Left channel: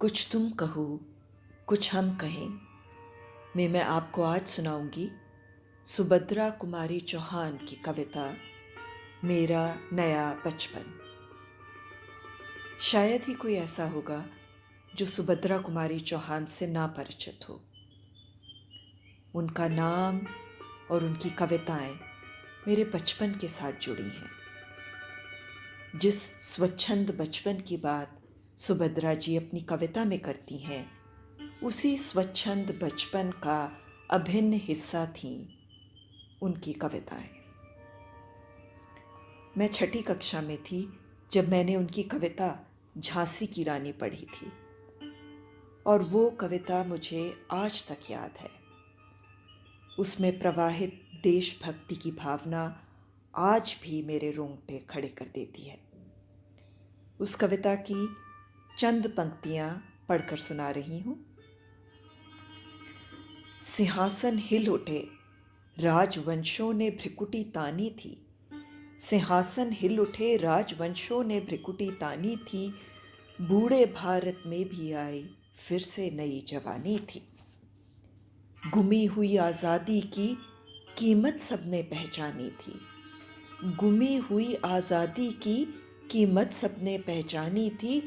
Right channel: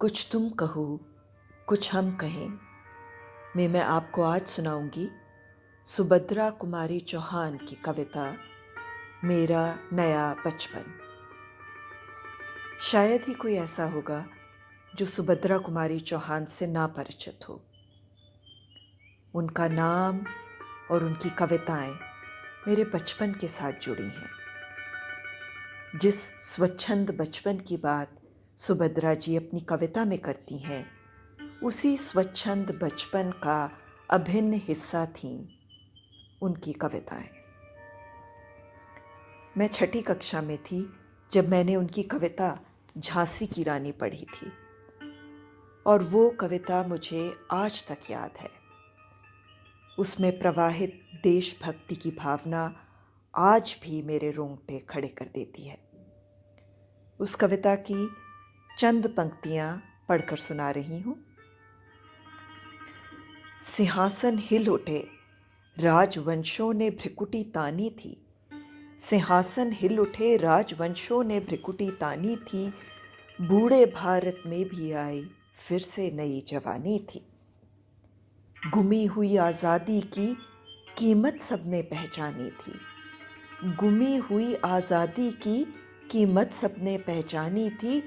कुछ तुम कहो, कुछ हम कहें में मैं आपको आज सुनाऊंगी सुभद्रा कुमारी चौहान की कविता मेरा नया बचपन। शायद ही कोई ऐसा होगा जो सुभद्रा कुमारी चौहान से ना परिचित हो। उनका नाम और उनकी कविताएं मेरे बचपन के साथ जुड़ी हैं। जिस स्वच्छंद बचपन की बात सुभद्रा जी अपनी कविता में करती हैं, उसी स्वच्छंद बचपन का अभिन्न हिस्सा थीं उनकी कविताएं। मैं छठी कक्षा में थी जब मैंने उनकी कविता झांसी की रानी पढ़ी थी, और वो कविता मुझे आज तक याद है। उसमें प्रवाहित देशभक्ति की भावना आज भी मेरे रोंगटे खड़े कर देती है। उस कविता की चंद पंक्तियां पढ़कर सुना रही हूं। सिंहासन हिल उठे, राजवंशों ने भ्रिकुटी तानी थी। सिंहासन हिल उठे, राजवंशों ने भ्रिकुटी तानी थी। बूढ़े भारत में भी आई फिर से नई जवानी थी। गुमी हुई आज़ादी की कीमत सबने पहचानी थी। गुमी हुई आज़ादी की कीमत सबने पहचानी थी।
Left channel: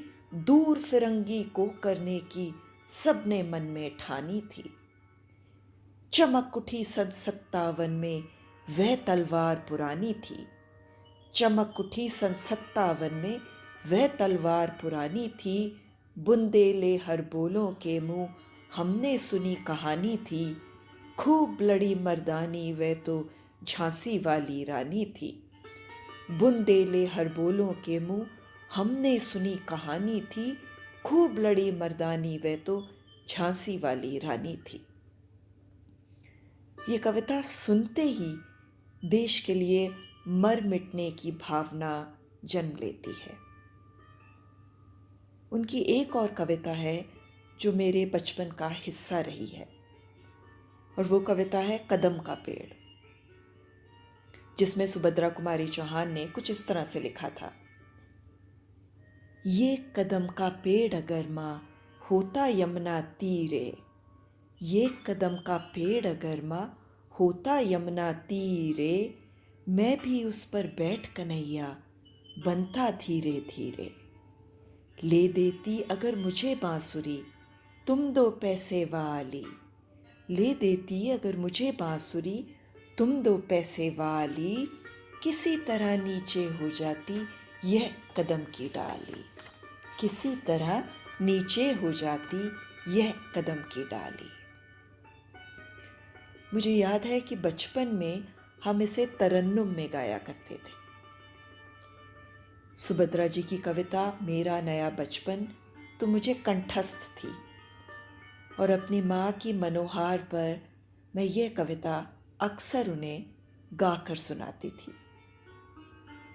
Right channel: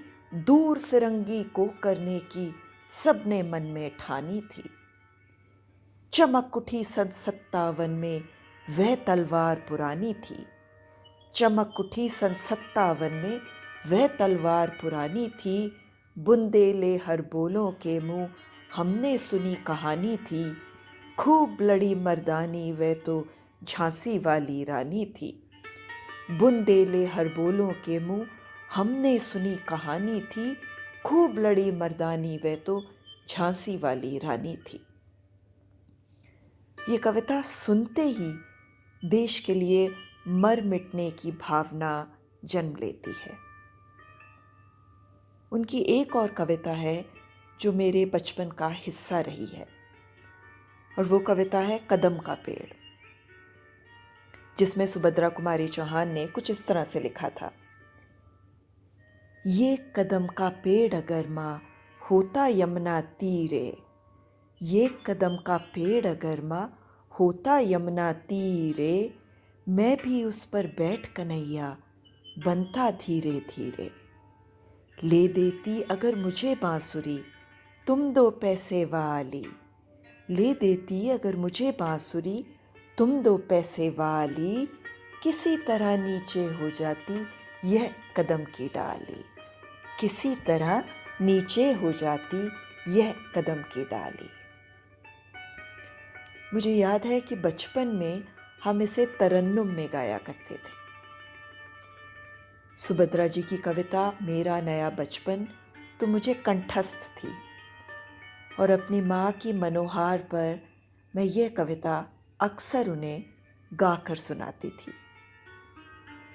दूर फिरंगी को करने की सबने मन में ठानी थी। चमक उठी सन 57 में वह तलवार पुरानी थी। चमक उठी सन 57 में वह तलवार पुरानी थी। बुंदेले हर बोलों के मुंह हमने सुनी कहानी थी। खूब लड़ी मर्दानी वह तो झांसी वाली रानी थी। बुंदेले हर बोलों के मुंह हमने सुनी कहानी थी। खूब लड़ी मर्दानी वह तो झांसी वाली रानी थी। ये कविता सुनते ही देश के लिए मर मिटने की भावना जन्म लेती है। उनकी एक और कविता है जो मेरे बचपन का हिस्सा रही है, और वो कविता है कदम का पेड़, जिसमें सुभद्रा कुमारी चौहान ने कुछ इस तरह से लिखा था। ये कदम का पेड़ अगर माँ होता यमुना तीरे, ये कदम का पेड़ अगर माँ होता यमुना तीरे, मैं भी उस पर बैठ कन्हैया बनता धीरे धीरे। ले देती अगर मुझे बांसुरी तुम 2 पैसे वाली, ले देती अगर मुझे बांसुरी तुम 2 पैसे वाली। किसी तरह नीचे हो जाती यह कदम की डाली, किसी तरह नीचे हो जाती यह कदम की डाली। मुझे याद है कि बचपन में हम इसे तरन्नुम में गाया करते थे। सुभद्रा जी की कविता मेरा नया बचपन तो मुझे कंठस्थ थी, और अपनी माँ की मनोहार पर मैं यह कविता अक्सर उन्हें गाकर सुनाती थी,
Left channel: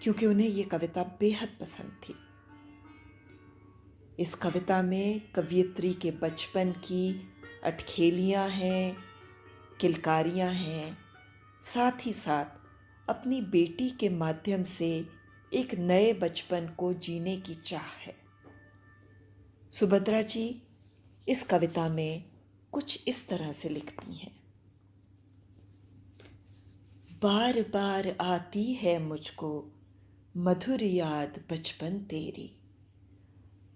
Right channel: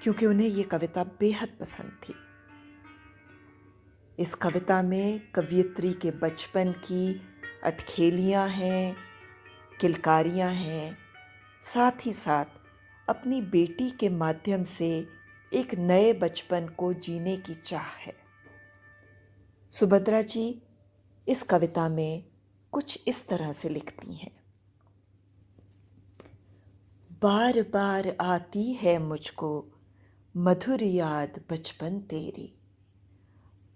क्योंकि उन्हें यह कविता बेहद पसंद थी। इस कविता में कवयित्री के बचपन की अटखेलियाँ हैं, किलकारियाँ हैं, साथ ही साथ अपनी बेटी के माध्यम से एक नए बचपन को जीने की चाह है। सुभद्रा जी इस कविता में कुछ इस तरह से लिखती हैं। बार बार आती है मुझको मधुर याद बचपन तेरी।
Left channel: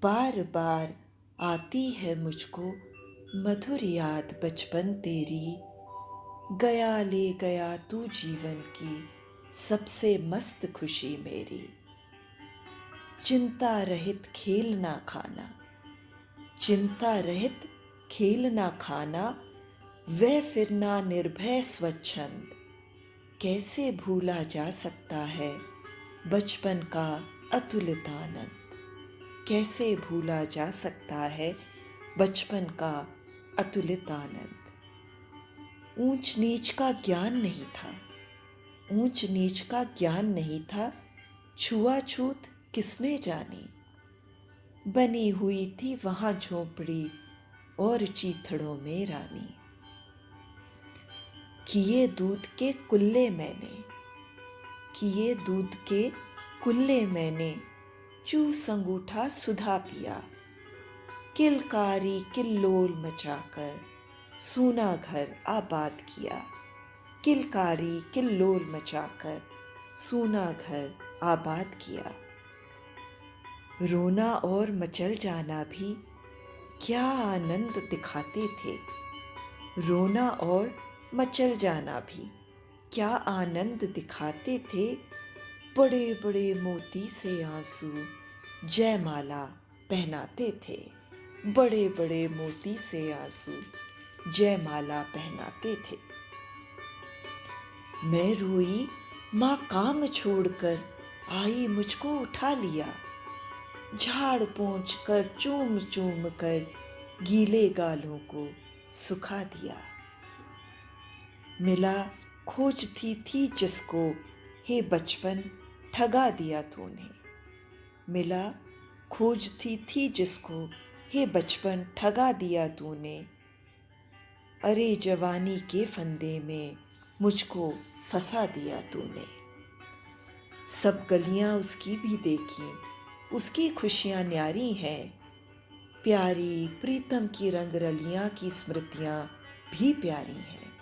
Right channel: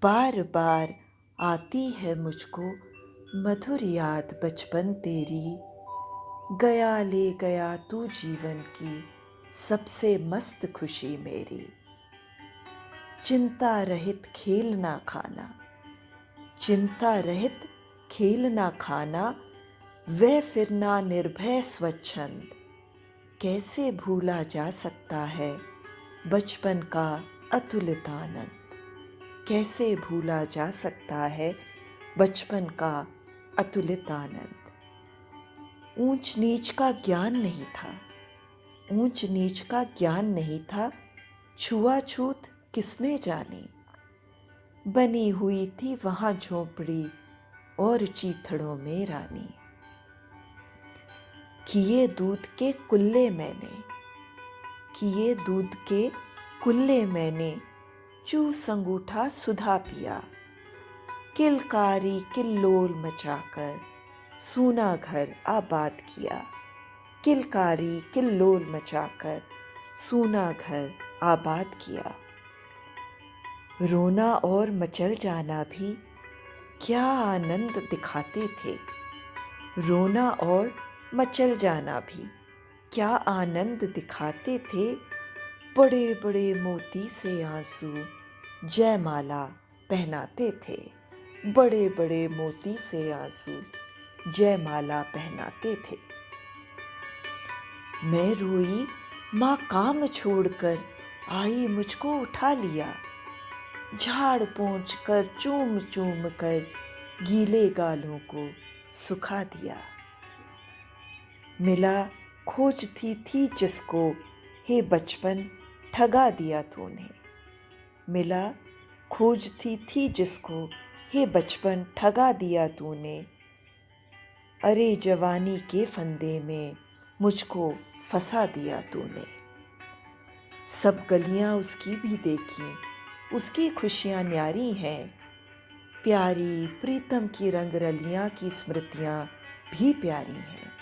बार बार आती है मुझको मधुर याद बचपन तेरी। गया ले गया तू जीवन की सबसे मस्त खुशी मेरी। चिंता रहित खेलना खाना, चिंता रहित खेलना खाना, वह फिरना निर्भय स्वच्छंद। कैसे भूला जा सकता है बचपन का अतुलित आनंद। कैसे भूला जा सकता है बचपन का अतुलित आनंद। ऊंच नीच का ज्ञान नहीं था, ऊंच नीच का ज्ञान नहीं था, छुआछूत किसने जानी। बनी हुई थी वहां झोंपड़ी और चीथड़ों में रानी। किए दूध के कुल्ले मैंने, किए दूध के कुल्ले मैंने, चूस अंगूठा सुधा पिया। किलकारी किल्लोल मचाकर सूना घर आबाद किया। किलकारी किल्लोल मचाकर सूना घर आबाद किया। रोना और मचल जाना भी क्या आनंद दिखाते थे। रोना और मचल जाना भी क्या आनंद दिखाते थे। बड़े बड़े मोती से आंसू जयमाला पहनाते थे। बड़े बड़े मोती से आंसू जयमाला पहनाते थे। मैं रोई, माँ काम छोड़कर आई मुझको उठा लिया। झाड़ पोंछ कर चूम चूम कर गीले गालों को सुखा दिया। मिला खोजती थी जिसको हे बचपन ठगा दिया तूने। मिला खोजती थी जिसको हे बचपन ठगा दिया तूने। अरे जवानी के फंदे में मुझको फंसा दिया तूने। सब गलियां उसकी भी देखी, उसकी खुशियां न्यारी हैं। प्यारी प्रीतम की रंगरलियां की स्मृतियां भी प्यारी हैं।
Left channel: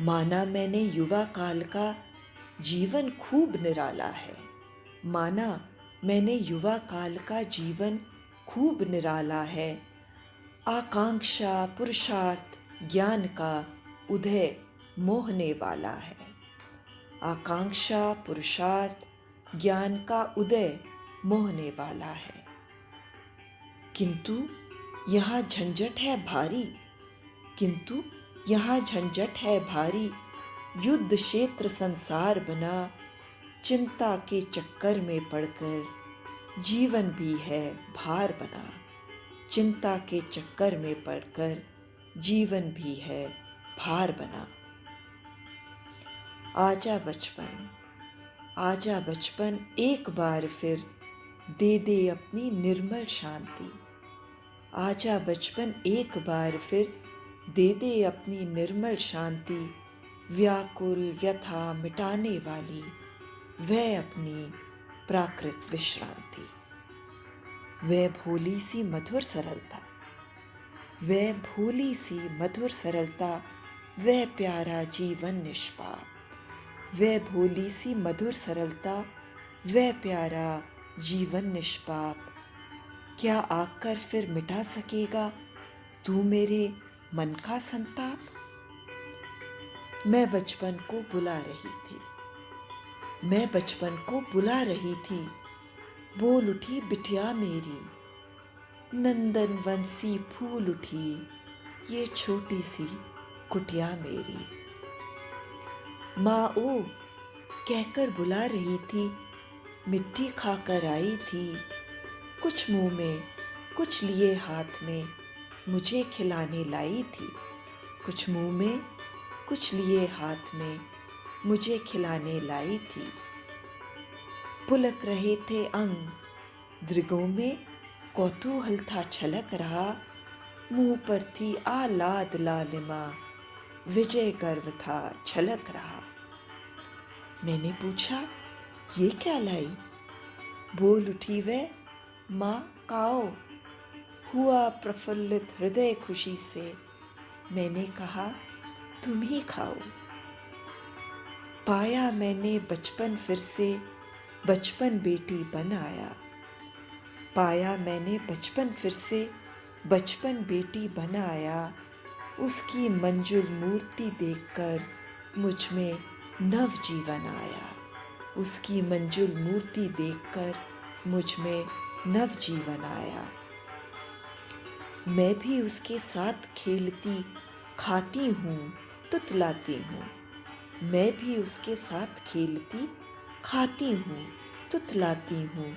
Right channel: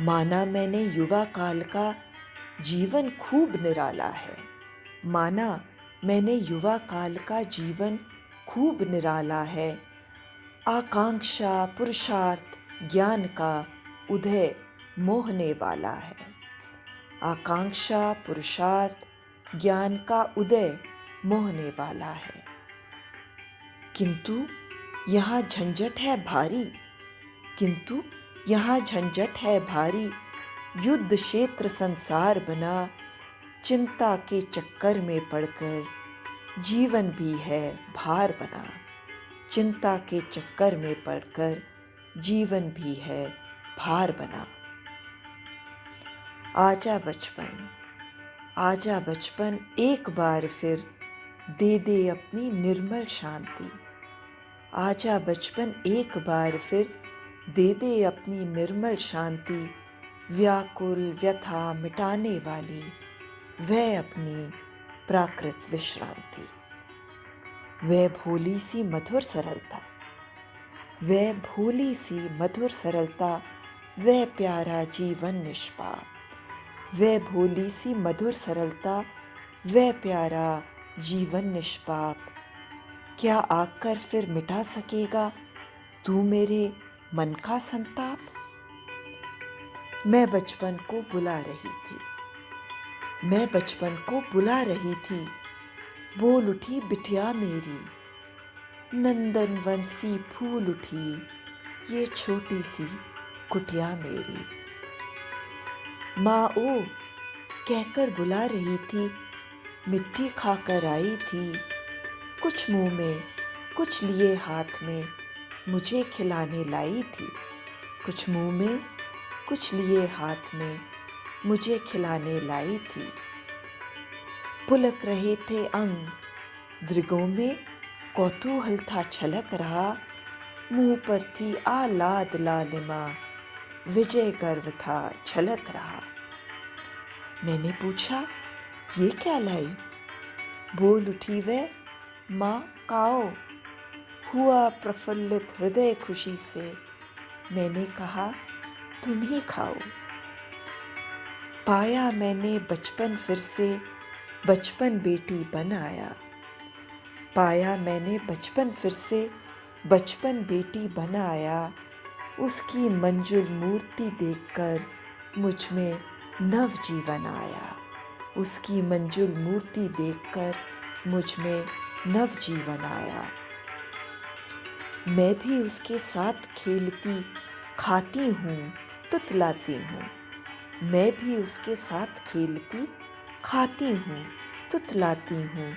माना मैंने युवा काल का जीवन खूब निराला है। माना मैंने युवा काल का जीवन खूब निराला है। आकांक्षा पुरुषार्थ ज्ञान का उदय मोहने वाला है। आकांक्षा पुरुषार्थ ज्ञान का उदय मोहने वाला है। किंतु यहाँ झंझट है भारी। किंतु यहाँ झंझट है भारी। युद्ध क्षेत्र संसार बना। चिंता के चक्कर में पड़कर जीवन भी है भार बना। चिंता के चक्कर में पड़कर जीवन भी है भार बना। आजा बचपन, आजा बचपन एक बार फिर दे दे अपनी निर्मल शांति। आजा बचपन एक बार फिर दे दे अपनी निर्मल शांति। व्याकुल व्यथा मिटाने वाली वह अपनी प्राकृत विश्रांति। वह भोली सी मधुर सरलता, वह भोली सी मधुर सरलता, वह प्यारा जीवन निष्पाप। वह भोली सी मधुर सरलता, वह प्यारा जीवन निष्पाप। क्या आकर फिर मिटा सकेगा तू मेरे मन का संताप। मैं बचपन को बुला रही थी, मैं बचपन को बुला रही थी। बोल उठी बिटिया मेरी, नंदन वंशी फूल उठी ये छोटी सी कुटिया मेरी। माँ ओ कहकर बुला रही थी, मिट्टी खाकर आई थी। कुछ मुंह में कुछ लिए हाथ में मुझे खिलाने लाई थी। कुछ मुंह में कुछ लिए हाथ में मुझे खिलाने लाई थी। पुलक रहे थे अंग, दृगों में कौतूहल था छलक रहा। मुंह पर थी आलाद लालिमा, विजय गर्व था छलक रहा। मैंने पूछा ये क्या लाई। बोल उठी वह, माँ काओ। हुआ प्रफुल्लित हृदय खुशी से, मैंने कहा तुम ही खाओ। पाया मैंने बचपन फिर से, बचपन बेटी बन आया। पाया मैंने बचपन फिर से, बचपन बेटी बन आया। उसकी मंजुल मूर्ति देखकर मुझ में नव जीवन आया। उसकी मंजुल मूर्ति देखकर मुझ में नव जीवन आया। मैं भी उसके साथ खेलती खाती हूँ तुतलाती हूँ। मैं भी उसके साथ खेलती खाती हूँ तुतलाती हूँ।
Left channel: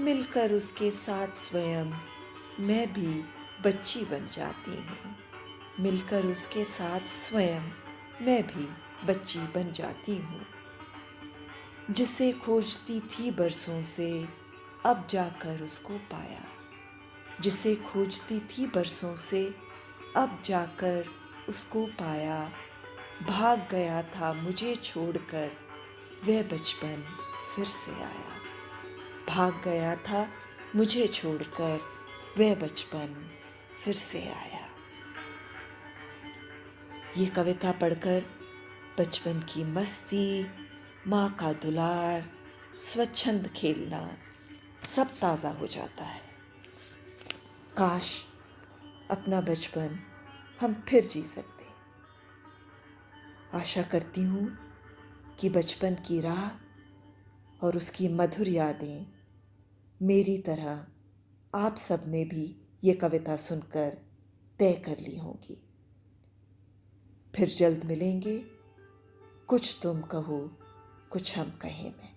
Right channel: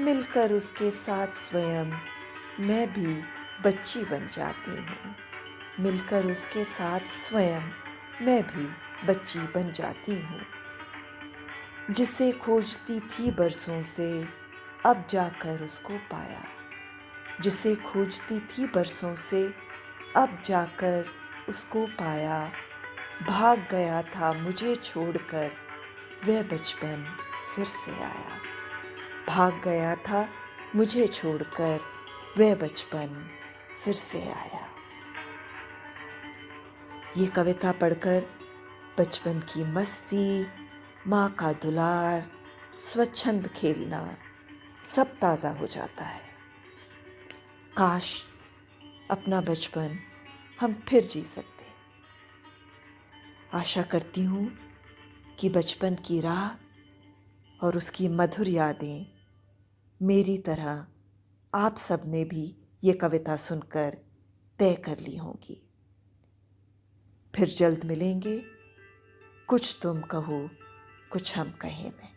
मिलकर उसके साथ स्वयं मैं भी बच्ची बन जाती हूँ। मिलकर उसके साथ स्वयं मैं भी बच्ची बन जाती हूँ। जिसे खोजती थी बरसों से, अब जाकर उसको पाया। जिसे खोजती थी बरसों से, अब जाकर उसको पाया। भाग गया था मुझे छोड़कर, वह बचपन फिर से आया। भाग गया था मुझे छोड़कर वह बचपन फिर से आया। ये कविता पढ़कर बचपन की मस्ती, माँ का दुलार, स्वच्छंद खेलना सब ताज़ा हो जाता है। काश अपना बचपन हम फिर जी सकते। आशा करती हूँ कि बचपन की राह और उसकी मधुर यादें मेरी तरह आप सब ने भी ये कविता सुनकर तय कर ली होंगी। फिर जल्द मिलेंगे, कुछ तुम कहो कुछ हम कहें में।